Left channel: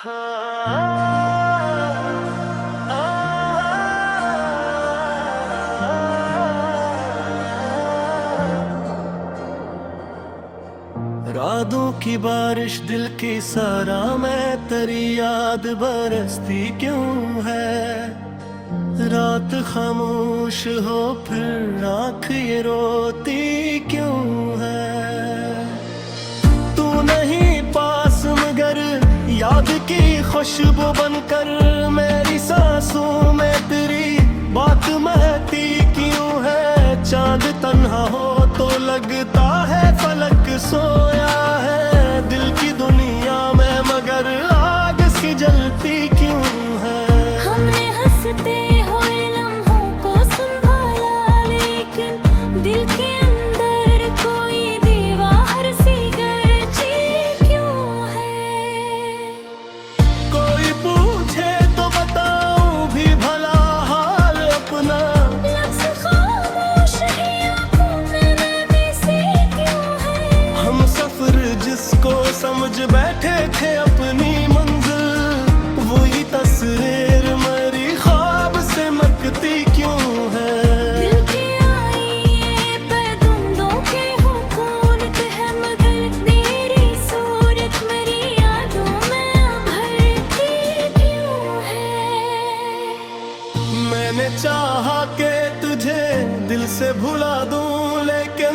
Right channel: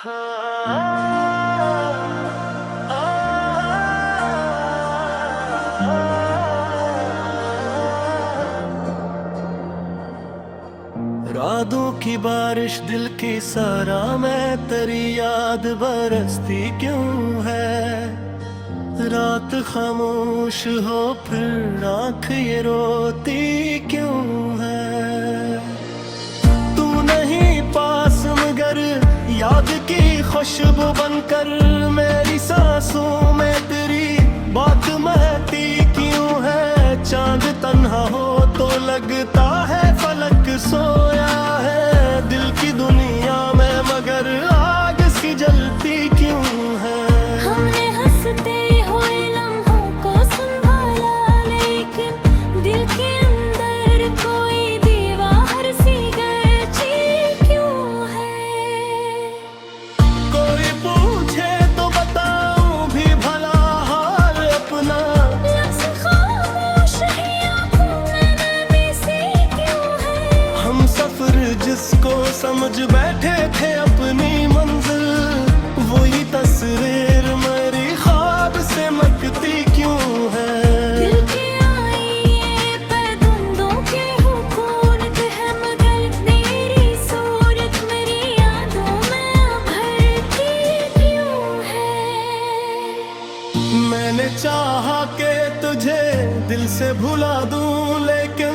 रातों की बारिश दिल की सारा मैं तेरी याद बरसती क्यों है। रात खामोश हो फिर आँख ये रोती क्यों है। तू नहीं पास मगर याद की खुशबू बनकर मेरी सांसों में तेरी बात महकती क्यों है। चांद तन्हा हो तो लगता है फलक सोया है। दिल की दुनिया में मगर आग सी जलती क्यों है। हमने हंसते हुए लम्हों को संभाला लेकिन दिल के अंदर कोई दीवार सी गरजी क्यों है। कोई पूछे तो बताऊं भी भला हाल अपना। लफ्ज़ खामोश ही आँखों में नमी सी क्यों है। हम सफर जिसको समझ बैठे थे अपनी मंजिल वही तस्वीर मेरी ख्वाब से मकती क्यों है। दिल के आईने पे धुंधों के हुकूमत है मगर तेरी सूरत मेरी यादों में उभरती क्यों है। मैंने चाहा के तुझे दिल से भुला दूं लेकिन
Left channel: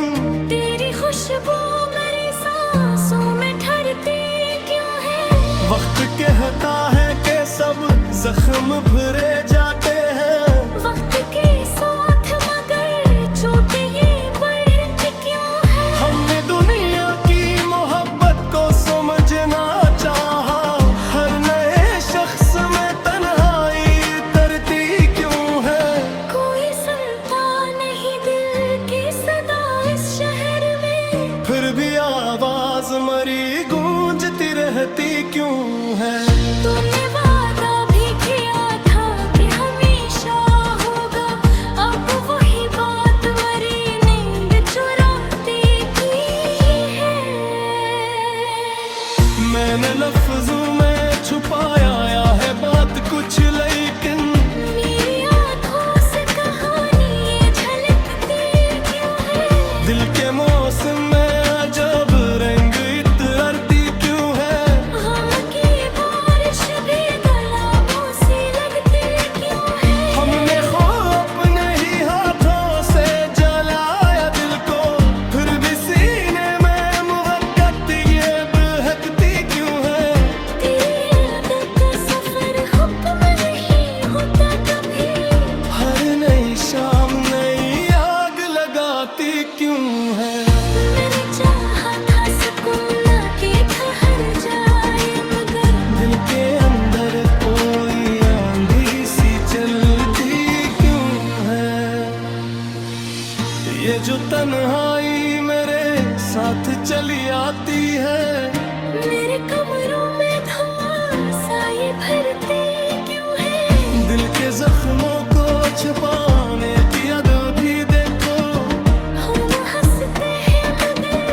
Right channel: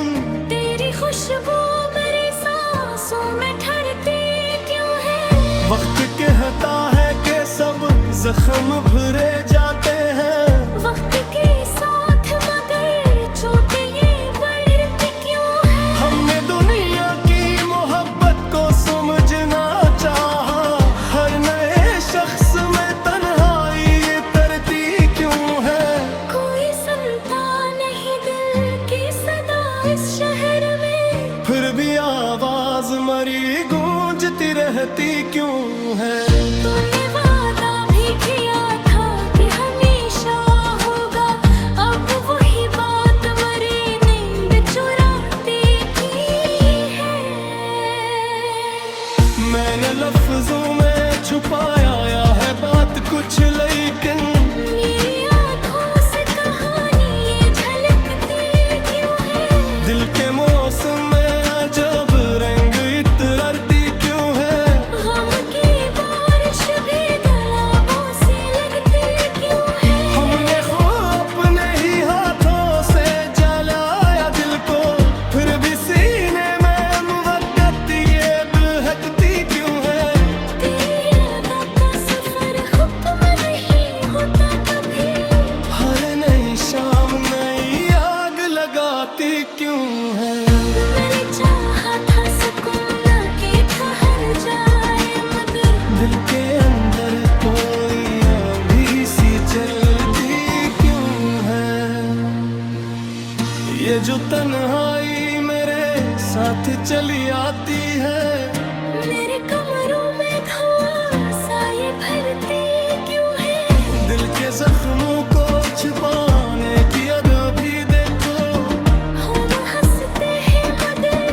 तेरी खुशबू मेरी सांसों में ठहरती क्यों है। वक्त कहता है कि सब जख्म भरे जाते हैं। वक्त के साथ मगर चोटें ये बढ़ती क्यों है। हमने दुनिया की मोहब्बत को समझना चाहा। हर नए शख्स में तन्हाई तरती क्यों है। कोई सुनता नहीं दिल की सदा इस शहर में। फिर भी आवाज मरी गूंजती रहती क्यों है। तूने वादा भी किया था कि हमेशा होगा अब वही बात मरी नींद चुराती की है। मैंने लफ्जों में छुपाया है बात कुछ लेकिन मेरी आँखों से कहानी ये झलकती क्यों है। दिल के मौसम में अजब रंग इतरती क्यों है। गम की बारिश भी गुलाबों सी लगती क्यों है। हमने खो अपने ही हाथों से जलाया दिल को फिर भी सीने में मुवक्कत ये बहकती क्यों है। तेरी यादों का सफर हुक्म नहीं होता कभी। हर नई शाम नई आग लगाती क्यों है। मैंने चाहा था सुकून के ठहर जाए मगर दिल के अंदर कोई आंधी सी चलती क्यों है। ये जो तन्हाई मेरे साथ चली आती है। मेरे कमरों में धुआं सा ये भरती क्यों है। दिल के जख्मों को छुपाने की अदा भी देखो। हम हंसते हैं मगर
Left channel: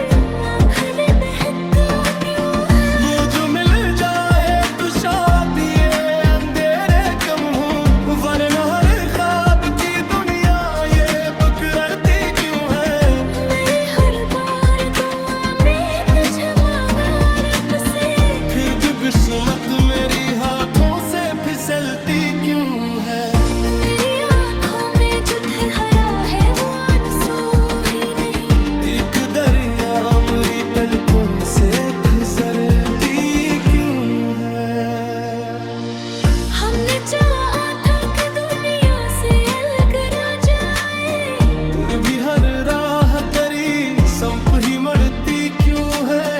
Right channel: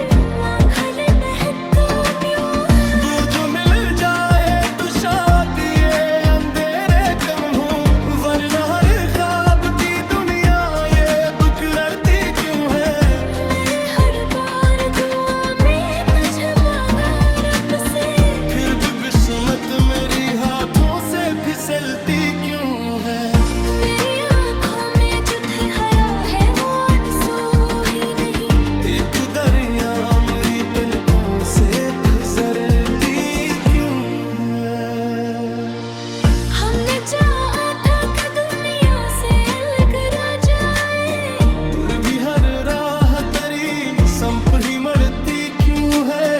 आँखें बहका क्यों है। वो जो मिल जाए तो शादी ये अंधेरे कम हो वरना हर ख्वाब की दुनिया ये बुकरती क्यों है। मैंने हर बार दुआ में तुझे मांगा रब से फिर भी किस्मत मेरी हाथों से फिसलती क्यों है। मेरी आँखों में जो ठहरा है वो आंसू ही नहीं। एक दरिया मेरी पलकों से गुजरती क्यों है। हमने चाहा था कि दुनिया से अलग रह जाए और भी हर राह तेरी संप ही मरती क्यों है।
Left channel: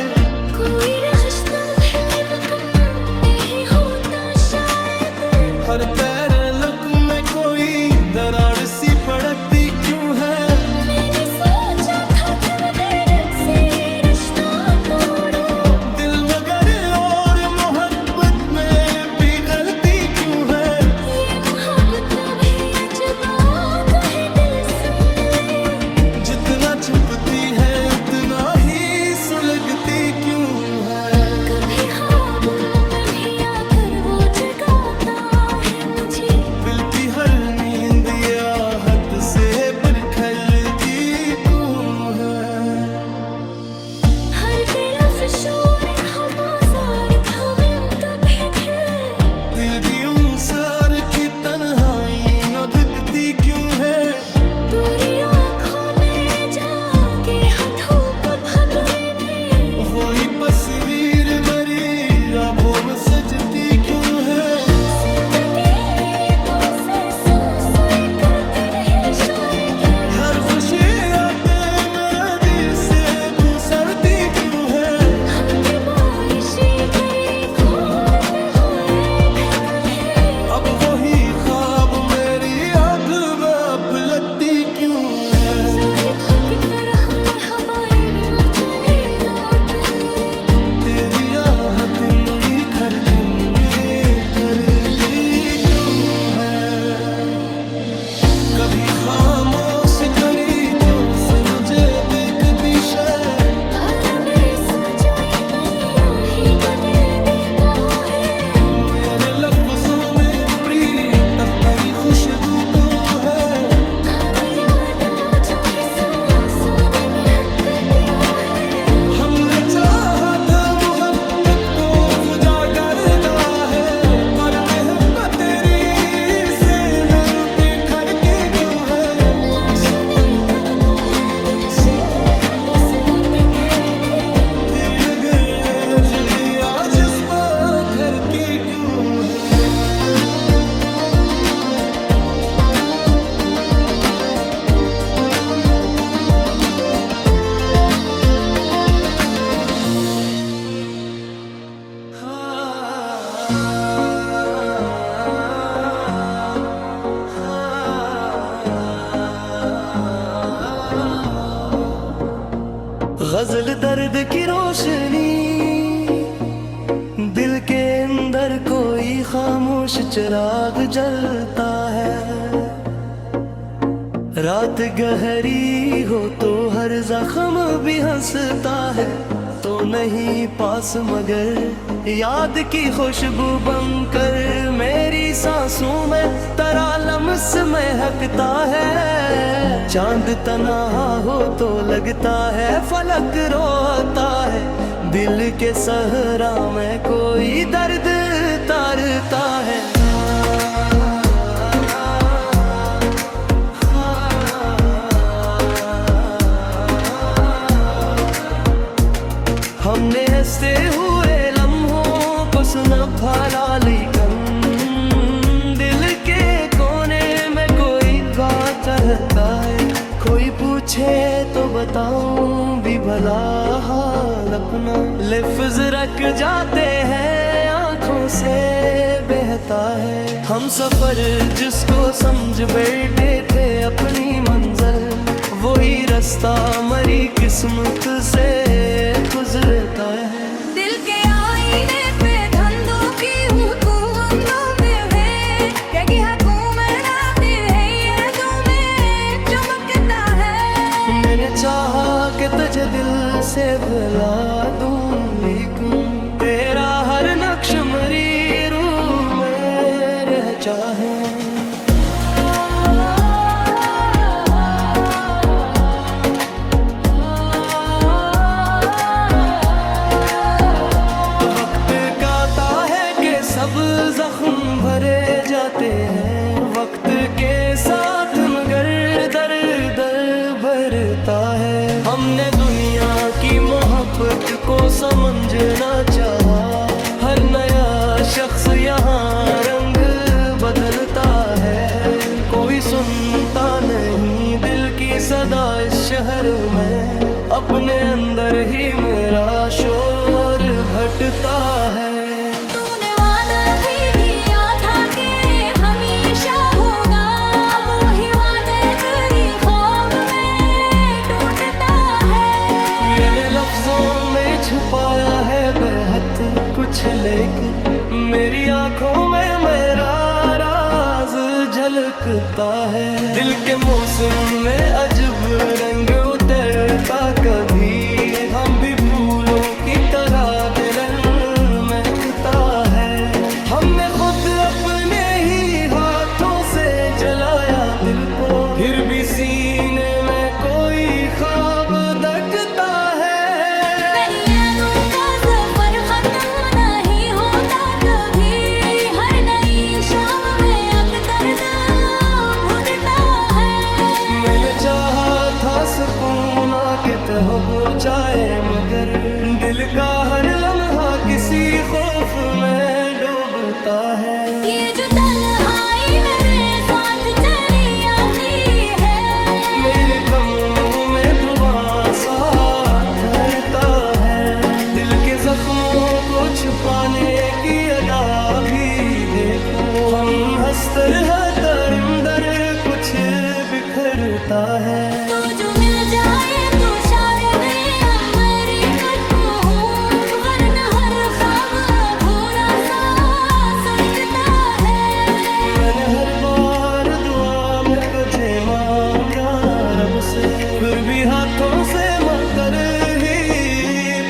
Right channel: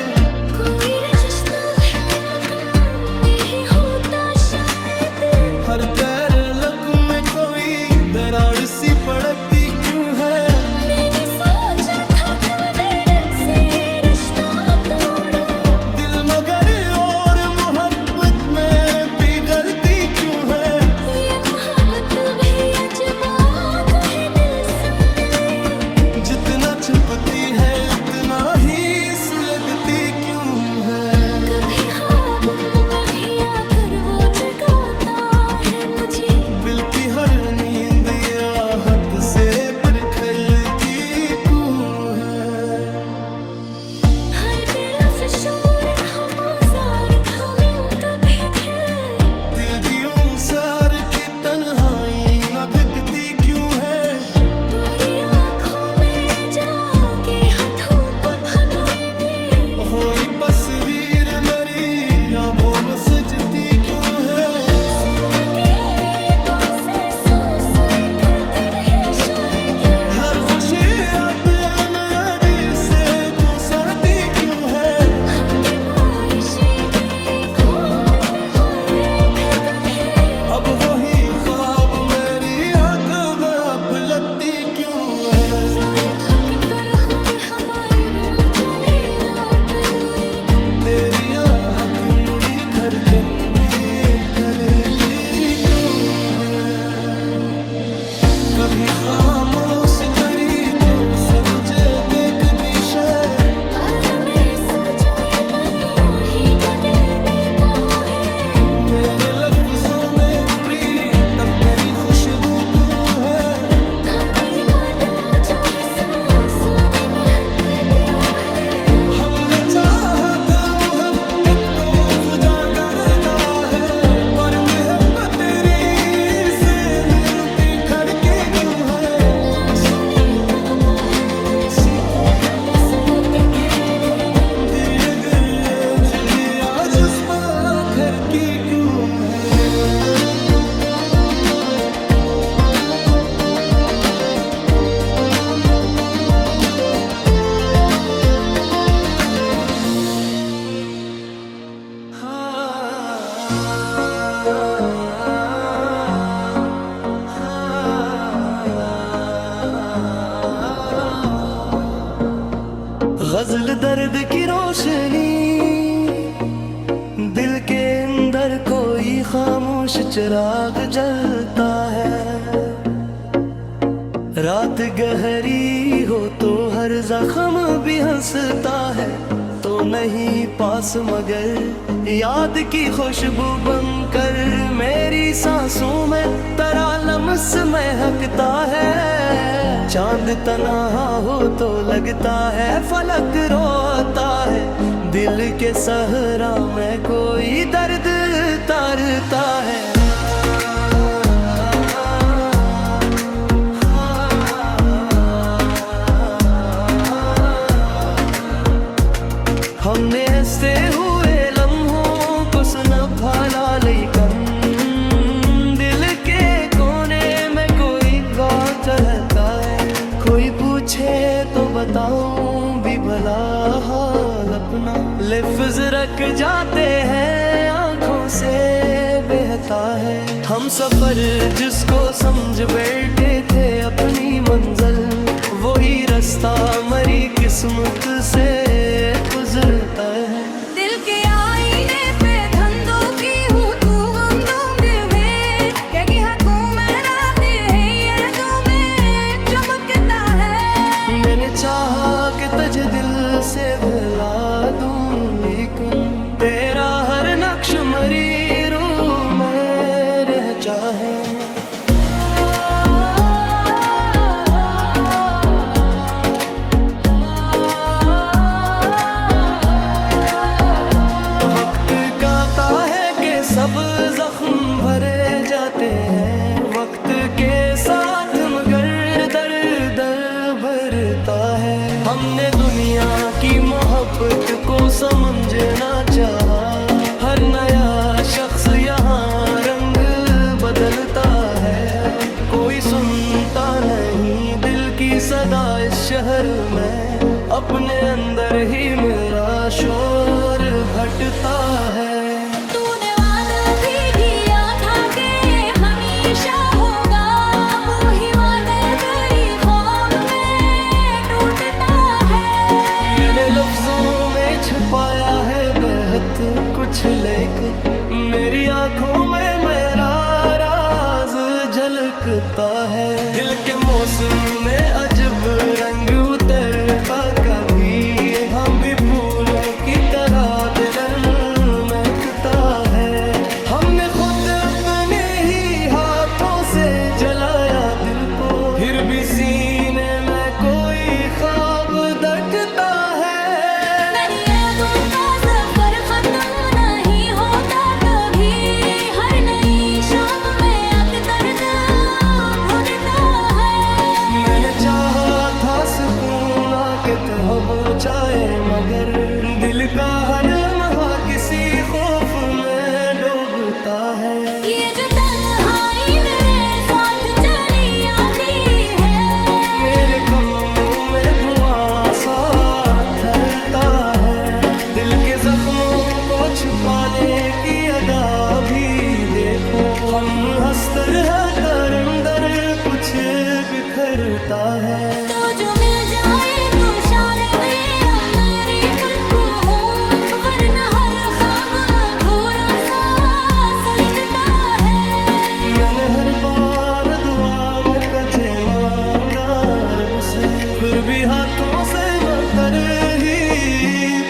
कोई रिश्ता भी मुकम्मल नहीं होता शायद। हर पैर लक में कोई दरार सी पड़ती क्यों है। मैंने सोचा था कि मगर से रिश्ता तोड़ूं। दिल मगर और मोहब्बत में पिघलती क्यों है। ये मोहब्बत भी अजबात है दिल सुन ले। जितना छुपती है उतना ही सुलगती क्यों है। कभी ख्वाबों में भी आता फैलती क्यों है। हर दिल अफशोर खबाजार थमे तबे थे, दिल भी सार की तन्हाई न भिगती क्यों है। तेरी आँखों में जाके हथों बदहतने, होई तस्वीर मेरी आँखों में सजती क्यों है। जिंदगी तो से सोए करते रहे शायद, हर खुशी आते मेरे दिल से गुजरती क्यों है। हम पे बारिशी तेरी खून पे हुए थे तभी, अब वही ख्वाब मेरी आँख में अब लगती क्यों है। ज़ाहिद की तरह मैं हवाई बिन चले रात दूरी, तेरी आहट मेरी धड़कन में करती क्यों है। कभी खामोश करी तो से मुझे देखती शे। तारा मैं सोचूं ये दुनिया ही बदलने को है, मेरे लफ्जों में प्रीत तक तेरी खुशबू तो है। हमें याद आ जो सांसों में महकती क्यों है। हमने चाहा था मोहब्बत को खुदा करदा है, पर मोहब्बत तेरी से न रुकी खड़की क्यों है। लाशों तक तो है बेशी हदिस रखी खेरी, दिल अगर जगे आज इस पर फिर की क्यों है। गजल दर्द की रोशनी, दिल के अंदर कोई खामोश चिराग जलता है। रात गहरी हो तो हर जख्म भी हंसता है, तो नहीं पास मगर याद की खुशबू बनकर मेरी सांसों में तरालम से महकता है। चांद तन्हा हो तो लगता है फलक रोता है, दिल के सहरा में कोई दर्द तारता है। हमने हंसते हुए लम्हों को संभाला, लेकिन दिल के कोने में कोई बात रहता है। कोई पूछे तो बताऊं भी भला हाल अपना, लफ्ज रख जाते हैं आंखों से बहता है। हम सफर जिसको समझ बैठे थे अपनी मंजिल, वही रास्ता मरी किस्मत से गुजरता है। दिल के आईने पे धंधों की हुकूमतों में है, क्या कि हुकूमत आती है ये तुम्हें चमकता है। मैंने चाहा कि तुझे दिल से भुला दूं, लेकिन तेरा हर नक्श मरी रूह में रह चाहे। सब जख्म भरे जाते हैं वक्त के साथ, मगर दर्द भरता है। हमने दुनिया की मोहब्बत को समझना चाहा, हर नया शख्स यहाँ रंग बदलता है। कोई सुनता नहीं दिल की सदा इस शहर में, अपने अंदर ही मेरा शोर भटता है। लफ्जों में छुपाया है बेहद कुछ, लेकिन मेरी आंखों में मेरा राज झलकता है। दिल के मौसम में अजब रंग उतरता, कभी हम भी फूलों की तरह दिल महकता है। हमने खुद अपने ही हाथों से जलाया दिल को, फिर भी सीने में कोई ख्वाब धड़कता है। मेरी यादों का सफर खत्म नहीं होता कभी, हर नई शाम में एक दर्द घुटता है। मैंने चाहा था सुकून आके तहबो चाहे, मगर दिल का हर लम्हा किसी खौफ में डूबता है। ये जो तन्हाई मेरे साथ चली आती है, मेरे कमरों में धुआं सा ठहरता है। दिल के जख्मों को छुपाने की अदा भी देखो, हम हंसकर हर दरिंदर कुछ बिखरता है। तो जो मिल जाए तो शायद ये अब मेरी पलकों हो, वरना हर ख्वाब अधूरा सा सलगता है। मैंने हर बार दुआ में कजे मांगा रब से, फिर भी हाथों से मकर ही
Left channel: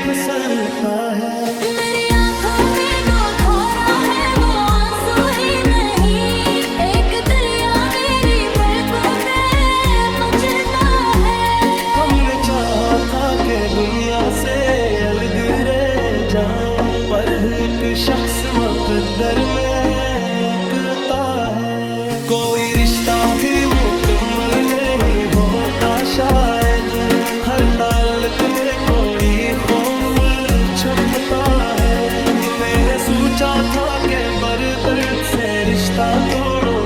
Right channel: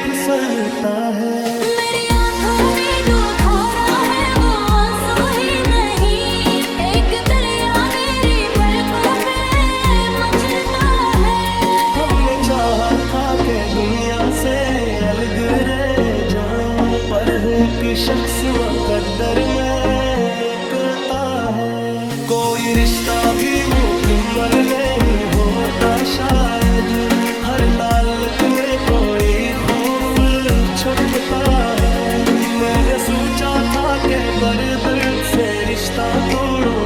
फिसलता है। मेरी आंखों में दो धारा है, वो आंसू ही नहीं, एक दरिया मेरी पलकों पे मचलता है। हमने चाहा था कि दुनिया से अलग रह जाएं, पर एक शख्स मुकद्दर में एकता है। कोई रिश्ता भी मुकम्मल नहीं होता शायद, हर ताल्लुक में कोई खौफ छुपता है। मैंने सोचा था कि बर्दर्द से रिश्ता तोड़ो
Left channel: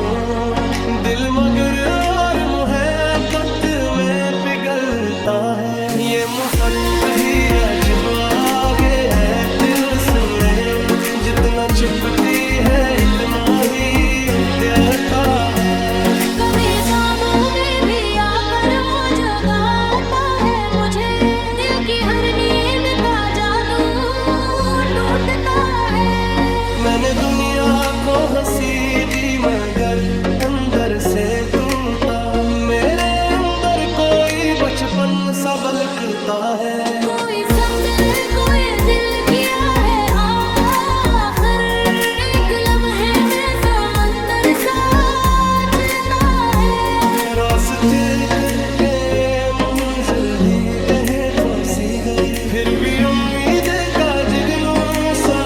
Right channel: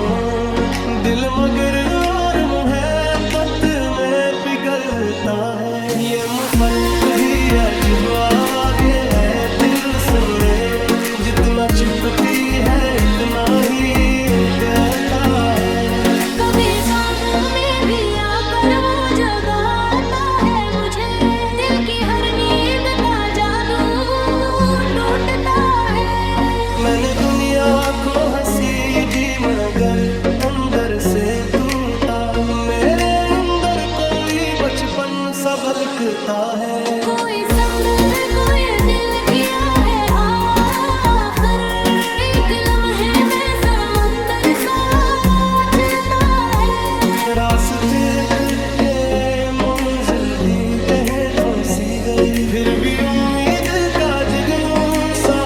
दिल, मगर और मुहब्बत में पिघलता है। ये मुफ्त भी अजब आगे है, दिल सुन ले, जितना चुपती है इतना ही उठता है। कभी कामों में भी आकर वो जगाता है मुझे, दिल की हर नींद का जादू टूटता है। मैंने दुनिया को हंसी दी मगर अंदर से टूटा, मेरे अंदर कोई बचपन सा बलकता है। कोई समझे कोई दिल किया है आखिर, एक लम्हे में समंदर सा चलता है। रास्ते के मंजिल भी कहीं तो सी गई, फिर भी उम्मीद का जगनू सा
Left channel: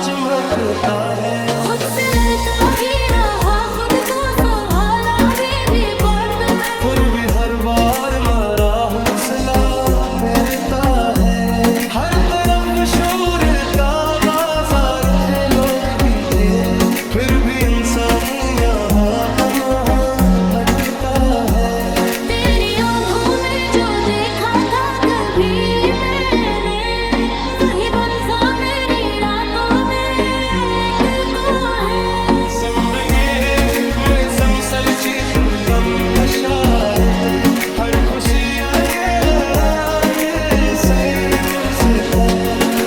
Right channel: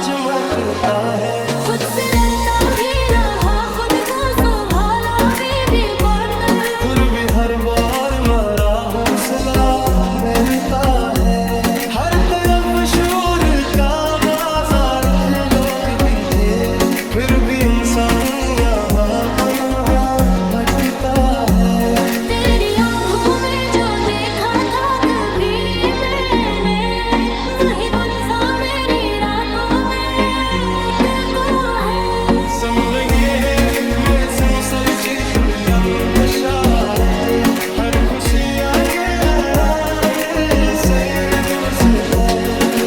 चमकता है। खुद से लड़ता भी रहा, खुद को संभाला भी बहुत, फिर भी हर बार मरा हौसला बहरता है। हर तरफ शोर का बाजार थे, लोग भी थे, फिर भी इंसान यहाँ तन्हा भटकता है। तेरी आँखों में जो देखा था कभी मैंने, वही कौन सा मेरी रातों में तुझको है। समझे मैं समसलची तू कम शायद, हर खुशियाँ के रात से लुझता,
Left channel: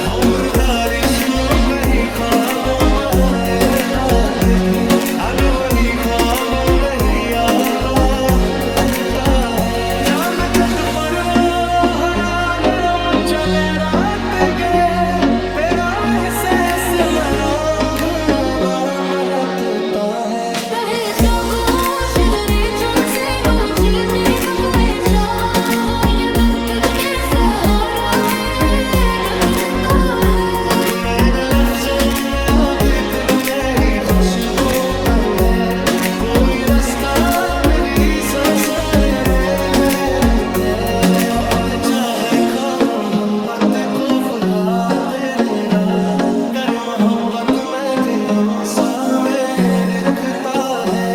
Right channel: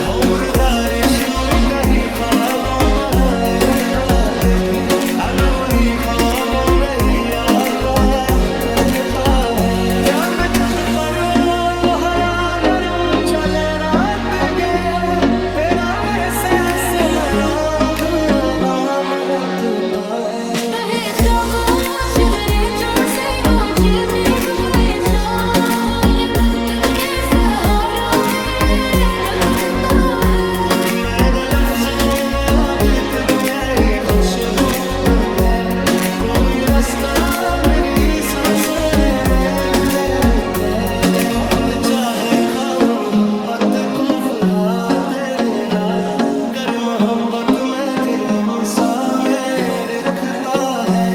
और दारिशमों कहीं ख्वाबों पहरता भी, अब वही ख्वाबों में ही आता चलता है। चांद छत पर वो हरा नरम चले रात गए, तेरा एहसास मेरा नाम रखता है। कहे जो गोश दरेचों से नोची देख गए जो, वो ये वक्त के सहारा में धड़कता है। मैंने लफ्जों में वो दिक्कत नई खुशबू कम है, कोई रास्ता मेरी सांसों में फैलता है। हम चाहे ख्वाब मोहब्बत को फुहा तेरी रात, कर मोहब्बत में दिल सा में रिखता है।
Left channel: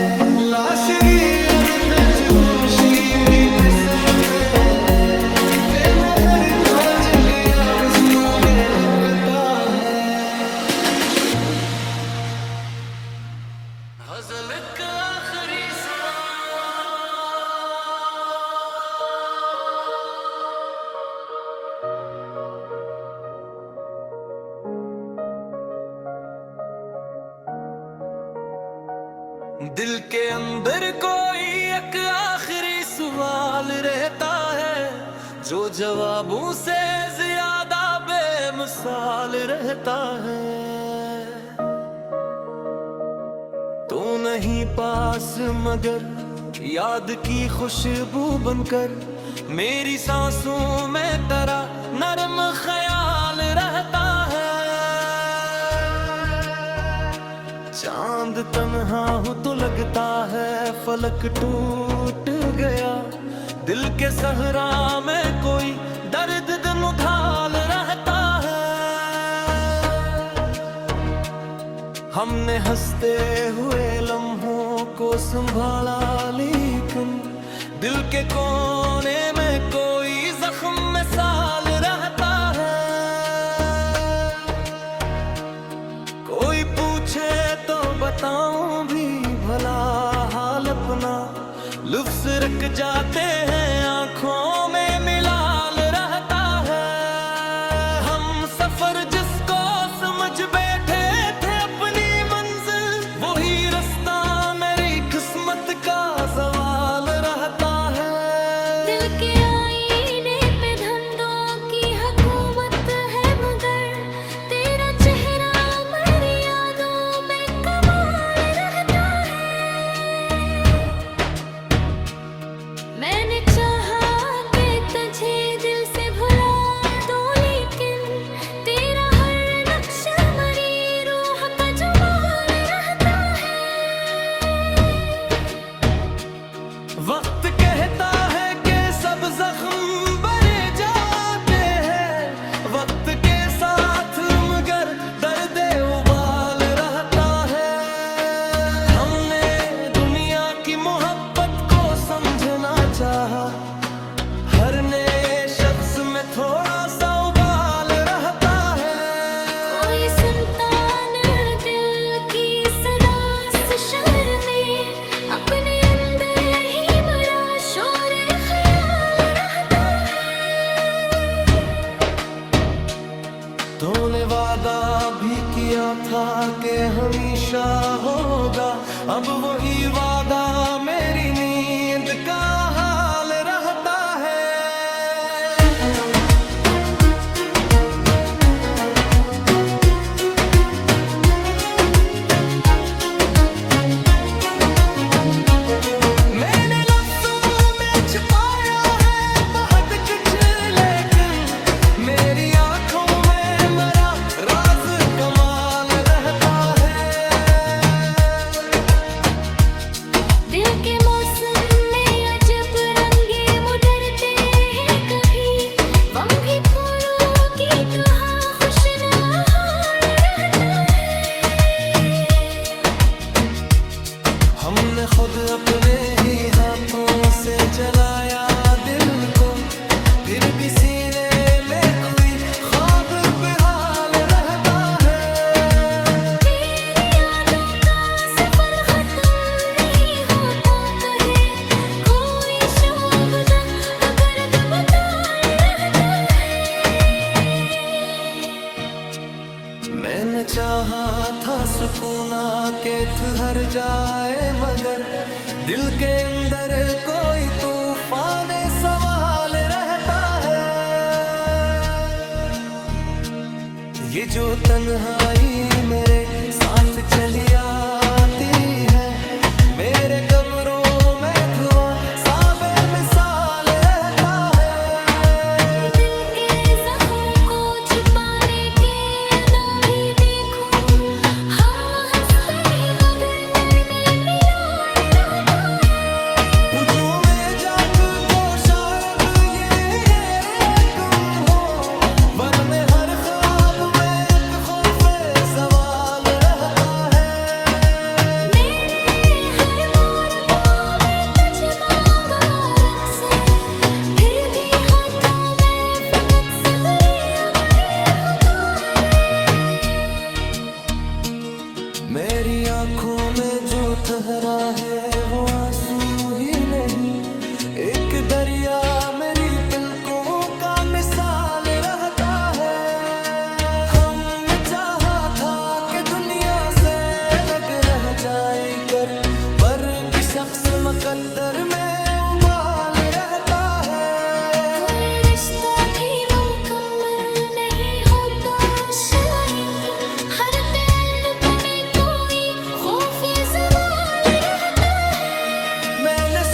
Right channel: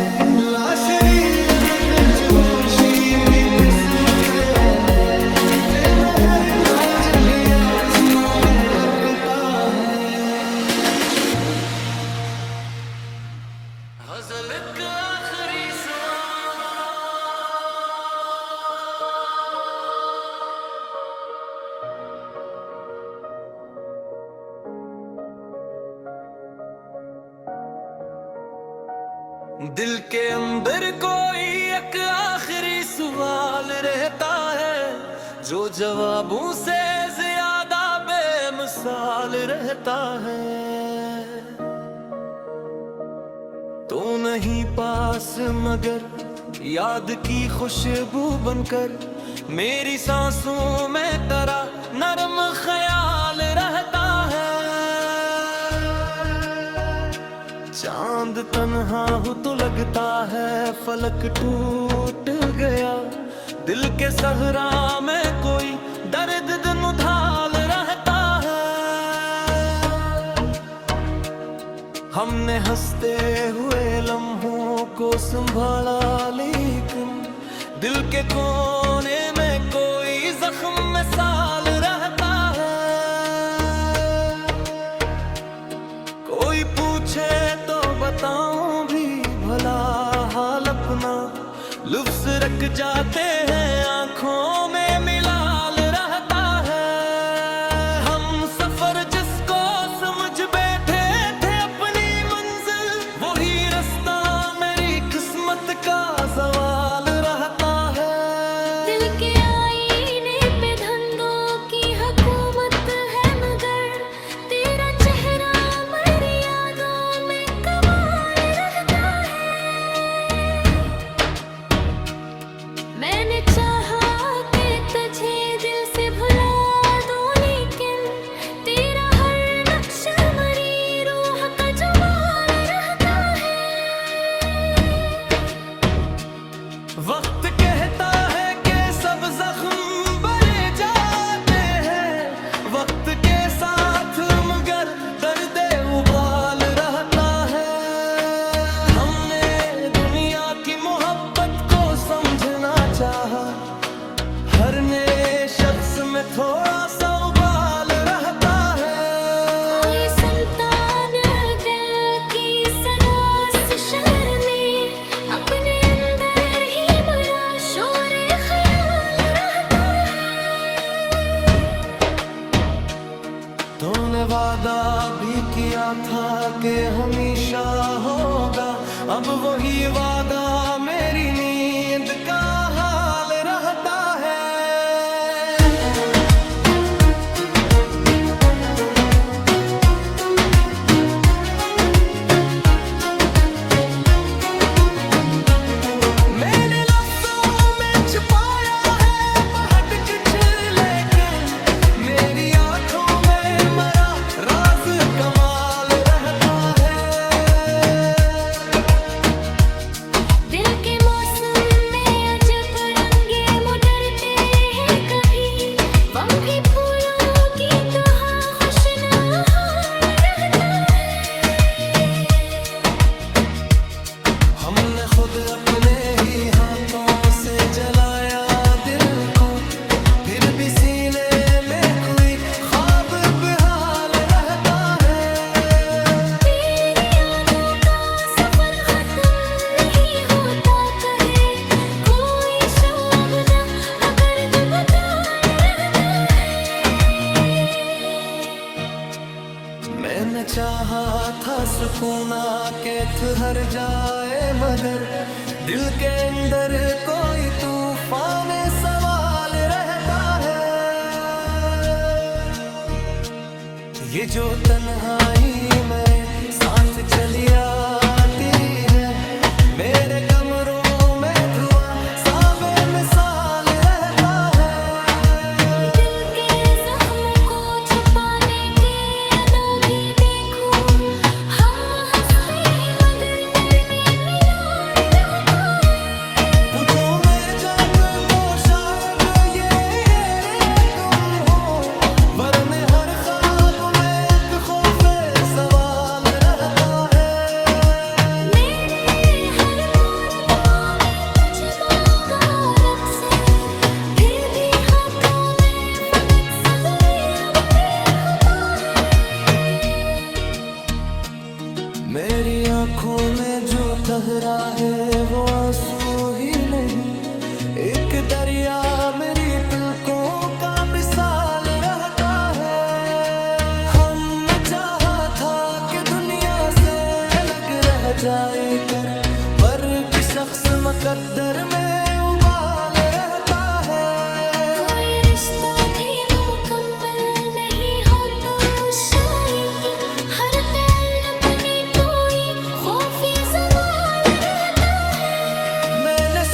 लाशरी अनगज होशी भी किस्मत है, के मेहर का जग या बस काबे लगता है। गज़ल का आखिरी सवाल, दिल के अंदर कोई एक आखिरी सवाल रहता है, जो जवाबों से ज्यादा बेमिसाल रहता है। तो नहीं पास मगर याद की खुशबू बनकर मेरी सांसों में तेरा नरम ख्याल रहता है। चांद तन्हा हो तो लगता है फलक टूट गया, दिल के सहरा में कोई दर्द दिन उधाल रहता है। हमने हंसते हुए लम्हों को संभाला, लेकिन दिल के कोने में कोई जख्म में साल रहता है। कोई पूछे तो बताऊं भी भला हाल अपना, लफ्ज़ रख जाते हैं आंखों में मिलाल रहता है। हम सफर जिसको समझ बैठे थे अपनी मंजिल, वही रास्ता मेरी किस्मत का सवाल रहता है। दिल के आईने पे धंधों की हुकूमत है, मगर तेरा चेहरा मेरी यादों में कमाल रहता है। मैंने चाहा कि तुझे दिल से भुला दूं, लेकिन तेरा हर नक्शा मेरी रूह का जुबान रहता है। वक्त कहता है कि सब जख्म भरे जाते हैं, वक्त के साथ मगर दर्द उबाल रहता है। हमने दुनिया की मोहब्बत को समझना चाहा, हर नए शख्स में थोड़ा सा उबाल रहता है। कोई सुनता न दिल की सदा से शहर में, अपने अंदर ही बड़ा शोर ख्याल रहता है। तूने वादा भी किया था कि हमेशा होगा, अब वही वादा मेरी नींद का हाल रहता है। मैंने लफ्ज़ों में छुपाया है बहुत कुछ, लेकिन मेरी आंखों में मरा राज कमाल रहता है। दिल के मौसम में अजब रंगे मुदरते हैं, कभी गम भी फूलों की तरह खुशनुमा रहता है। हमने खुद अपने ही हाथों से जलाया दिल को, फिर भी सीने में कोई ख्वाब बेहाल रहता है। तेरी यादों का सफर खत्म नहीं होता, कहे कोई शोभदा मगर दुबताल रहता है। मैंने चाहा था सुकूना के ठहर जाए, मगर दिल के अंदर कोई तूफान सवाल रहता है। ये जो तन्हाई मेरे साथ चली आती है, मेरे कमरों में धुआं सा बेमिसाल रहता है। दिल के जख्म को छुपाने की अदा भी देखो, हम हंसते हैं मगर मरने मिलान रहता है। मुझों में जात को शायद ये कम हो, वरने हर ख्वाब में एक खौफे सवाल रहता है। मेरे हर बार दुआ में तुझ मांगा रब से, फिर भी हाथों में फकत सब्र अबड़ी होता है। मेरी आंखों में जो ठहरा है वो आंसू ही नहीं, एक दरिया मेरी पलकों का मिसाल रहता है। हमने चाहा था कि दुनिया से लग रह जाए कर, पर कि शख्स मुकद्दर में उबाल रहता है। कोई रिश्ता भी मुकम्मल नहीं होता शायद, हर ताल्लुक में कोई खौफ सवाल रहता है। मैंने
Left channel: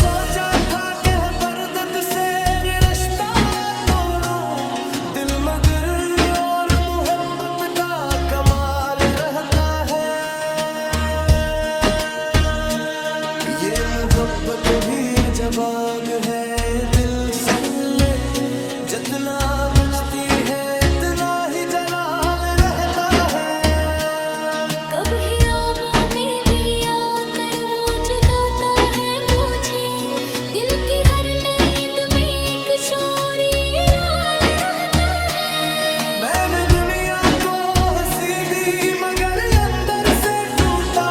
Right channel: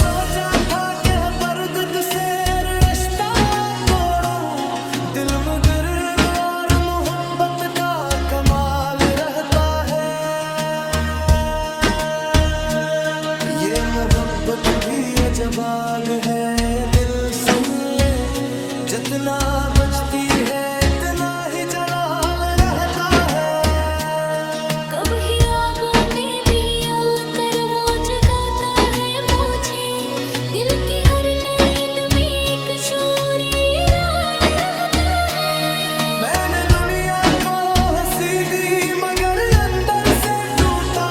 मोहब्बत भी अजब आग है, दिल सुन ले जितना बजती है इतना ही जलाल रहता है। कभी आबों में भी आकर वो जगाता है मुझे, दिल की हर नींद में एक शोर ईरान रहता है। मैंने दुनिया को हंसी दी मगर अंदर से टूटा,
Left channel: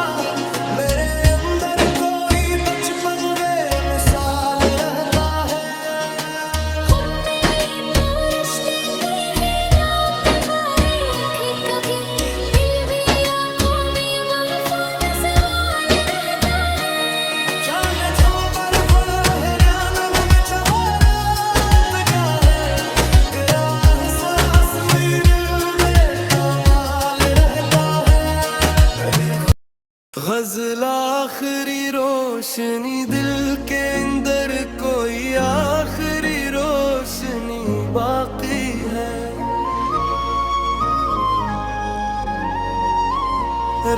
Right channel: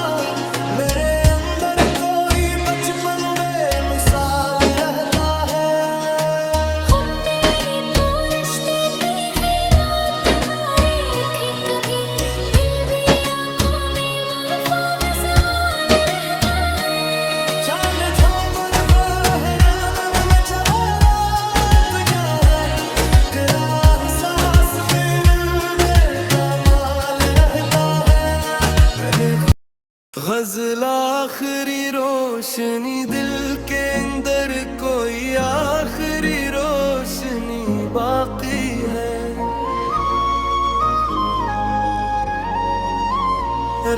मेरे अंदर कोई बचपन बेमिसाल रहता है। गज़ल आखिरी रोशनी दिल के अंदर कोई आखिरी रोशनी बाकी है।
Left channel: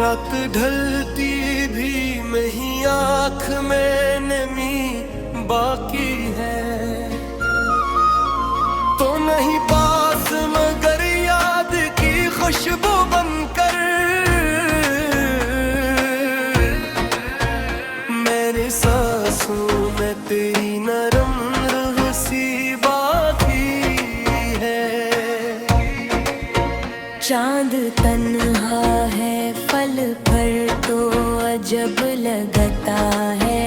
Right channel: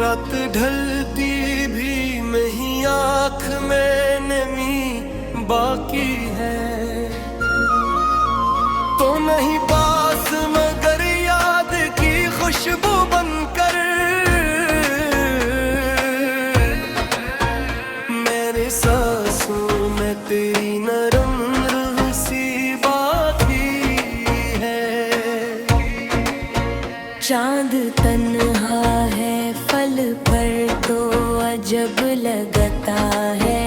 रात ढलती भी नहीं आँख में नमी बाकी है। तो नहीं पास मगर याद की खुशबू बनकर सांसों में तेरी नरम रूह सी बाकी है। चांद तन्हा है फल पर तो अजब लगता है,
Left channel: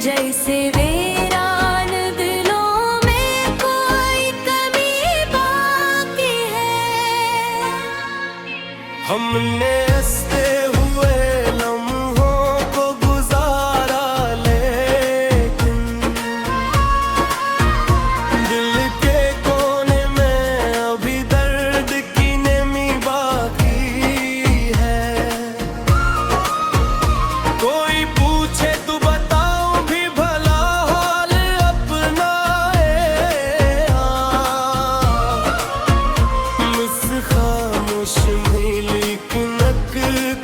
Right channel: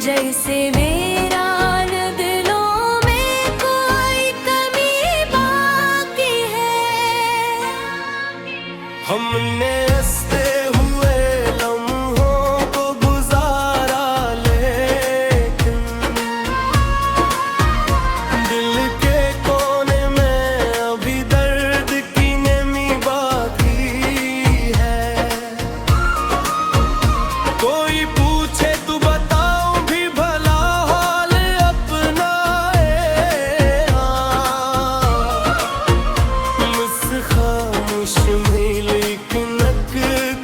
जैसे वीरान दिलों में कोई कमी बाकी है। हमने हंसते हुए लम्हों को गुजारा, लेकिन दिल के कोने में अभी दर्द की नमी बाकी है। कोई पूछे तो बताऊं भी भला हाल अपना है, मुझसे खामोश में लेकिन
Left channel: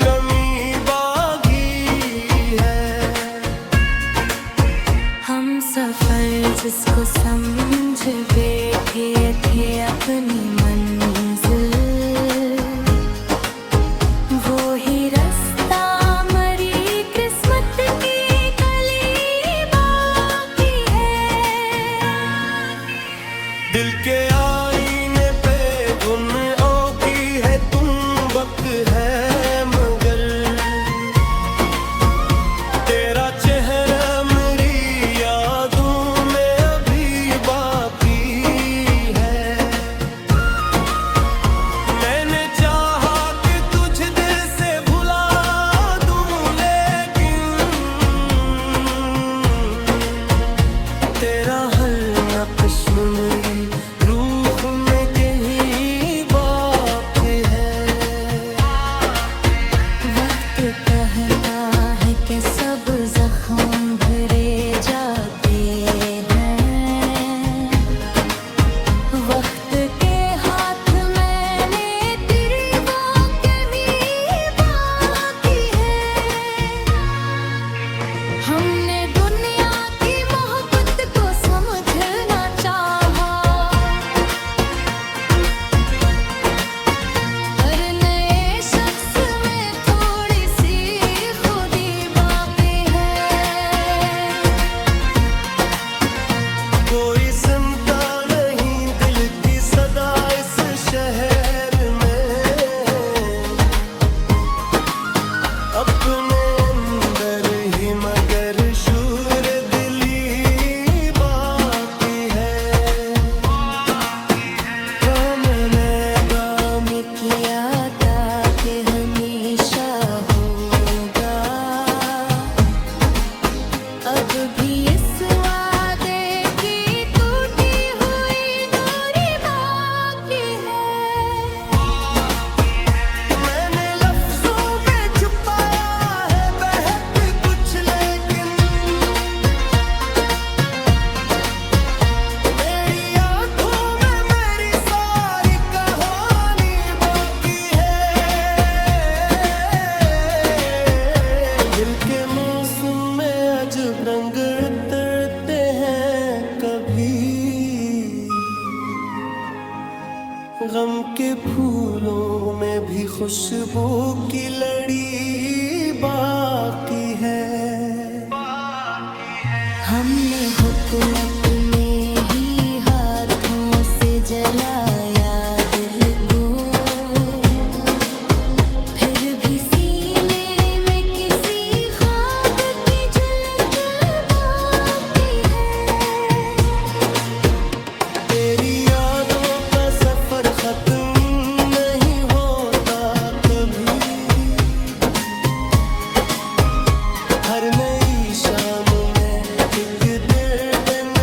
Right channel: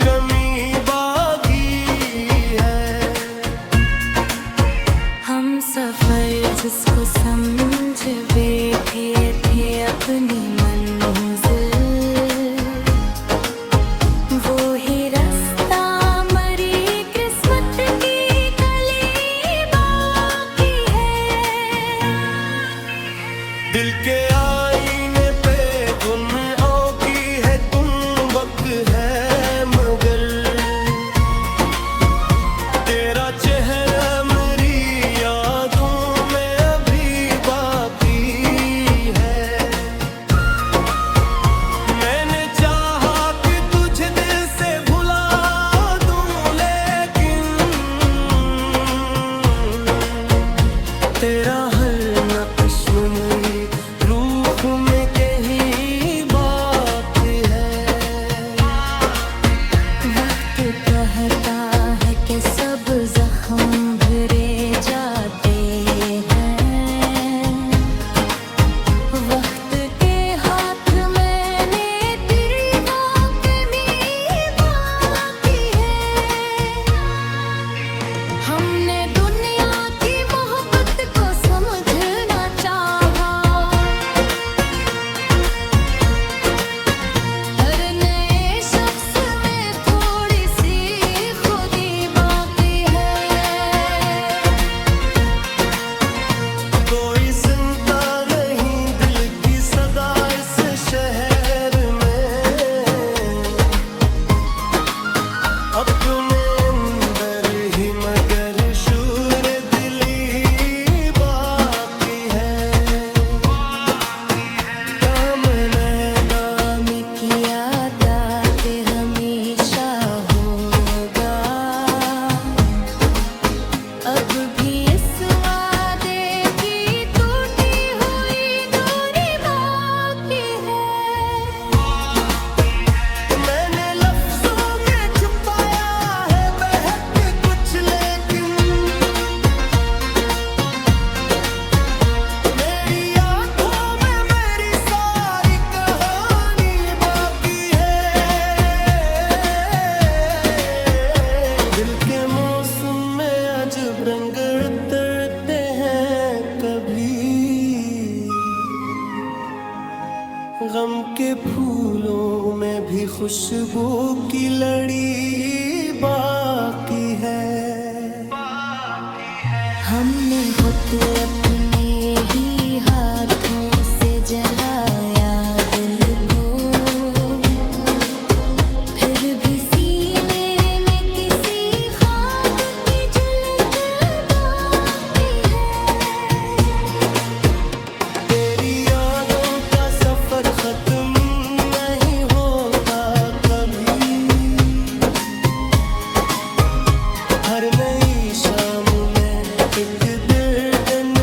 कमी बाकी है। हम सफर जिसको समझ बैठे थे अपनी मंजिल, वो ही रास्ता मरी किस्मत की कली बाकी है। दिल के आईने पे गुनाहों की है तुम वक्त है मगर, तेरा चेहरा मेरी यादों में अभी बाकी है। मैंने चाहा कि तुझे दिल से भुला दूं, लेकिन तेरा हर नक्श मेरी रूह में कहीं बाकी है। वक्त कहता है कि सब जख्म भरे जाते हैं, वक्त के हाथ मैंने तेरी वो कमी बाकी है। हमने दुनिया की मोहब्बत को समझना चाहा, हर नए शख्स में थोड़ी सी खुदी बाकी है। कोई सुनता नहीं दिल की सदा इस शहर में, अपने अंदर ही मगर शूर दिली बाकी है। मैंने काम किया था कि हमेशा होगा, अब भी इस वादे की टूटी हुई डोरी बाकी है। मैंने लफ्जों में छुपाया है बहक कुछ, लेकिन मेरी आंखों में मेरी सारी कहानी बाकी है। रंग उतरते हैं कभी, गम के फूलों में भी खुशबू की लड़ी बाकी है। हमने खुद अपने ही हाथों से जलाया दिल को, फिर भी सीने में किसी ख्वाब की झलक बाकी है। तेरी यादों का सफर खत्म नहीं होता कभी, हर नई शाम में एक दिन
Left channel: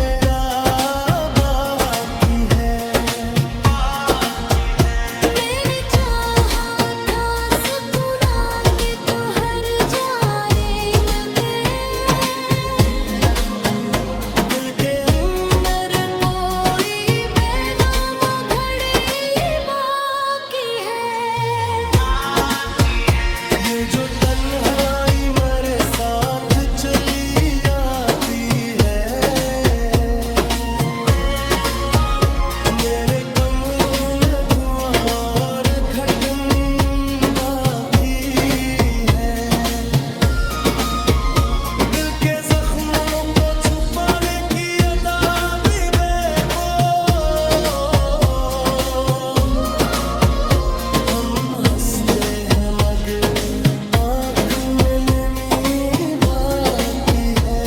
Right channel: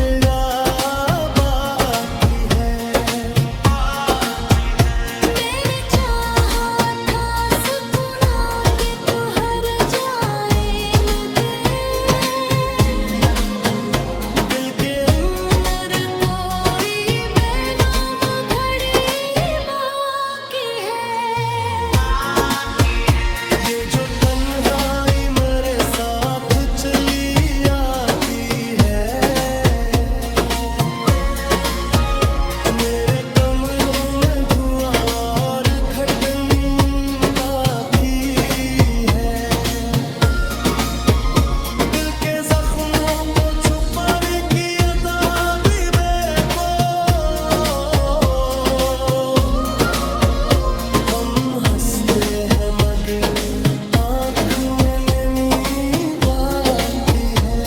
बाकी है। मैंने चाहा था सुकूना के तू हर जाए मगर, दिल के अंदर कोई बेनाम घड़ी बाकी है। ये जो तन्हाई मेरे साथ चली आती है, मेरे कमरों में धुआं और घटन बाकी है। दिल के जख्मों को छुपाने की अदा भी बेको, हम हंसते हैं मगर आँख में नमी बाकी है।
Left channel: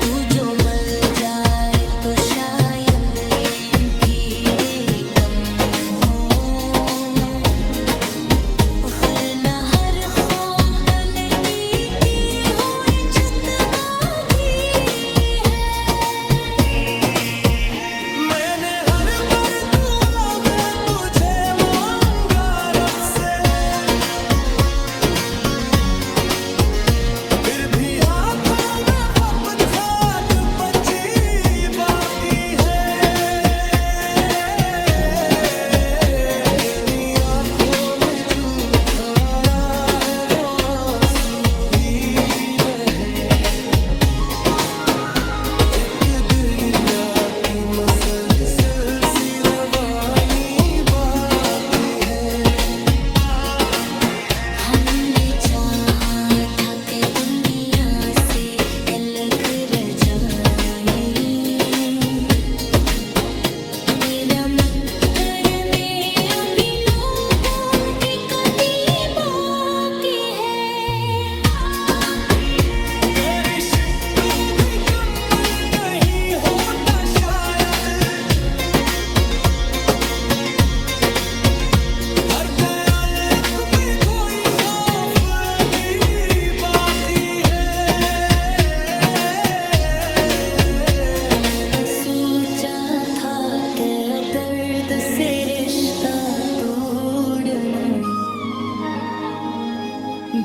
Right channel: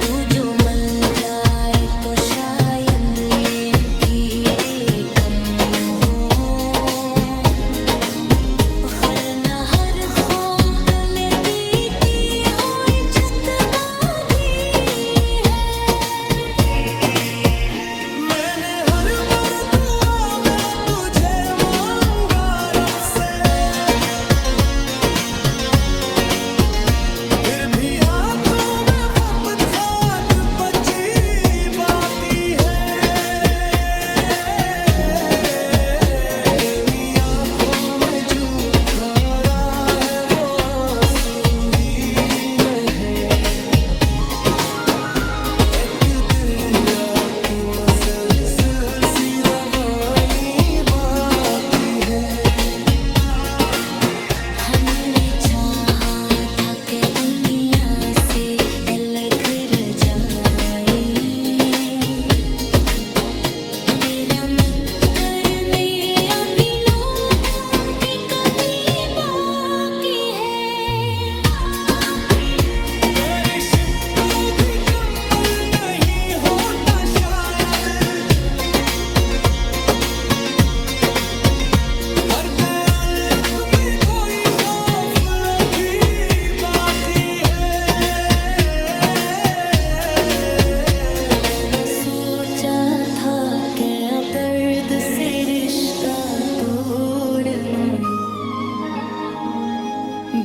तू जो मल जाए तो शायद ये पीरे कम हो, हर न हर खौम तले की हुई छत बाकी है। मैंने हर बार दुआ में तुझे मांगा रब से, फिर भी हाथों में फकत खाक बची बाकी है। मेरी आंखों में झूठा रहा है वो आंसू ही नहीं, एक दरिया की मसलसल सी रवानी बाकी है। हमने चाहा था कि दुनिया से अलग रह जाए, तेरा मक्कर में अभी लोगों की कमी बाकी है। तेरी शिद्दत भी कम्मल नहीं होता शायद, हर तअल्लुक़ में कोई खौफ अभी बाकी है। मैंने सोचा था कि अब दर्द से रिश्ता तोड़ना,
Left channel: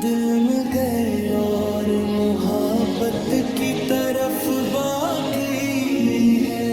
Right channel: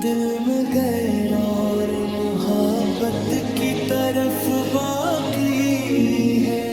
दिल में गैर और मोहब्बत की तरफ बाकी है।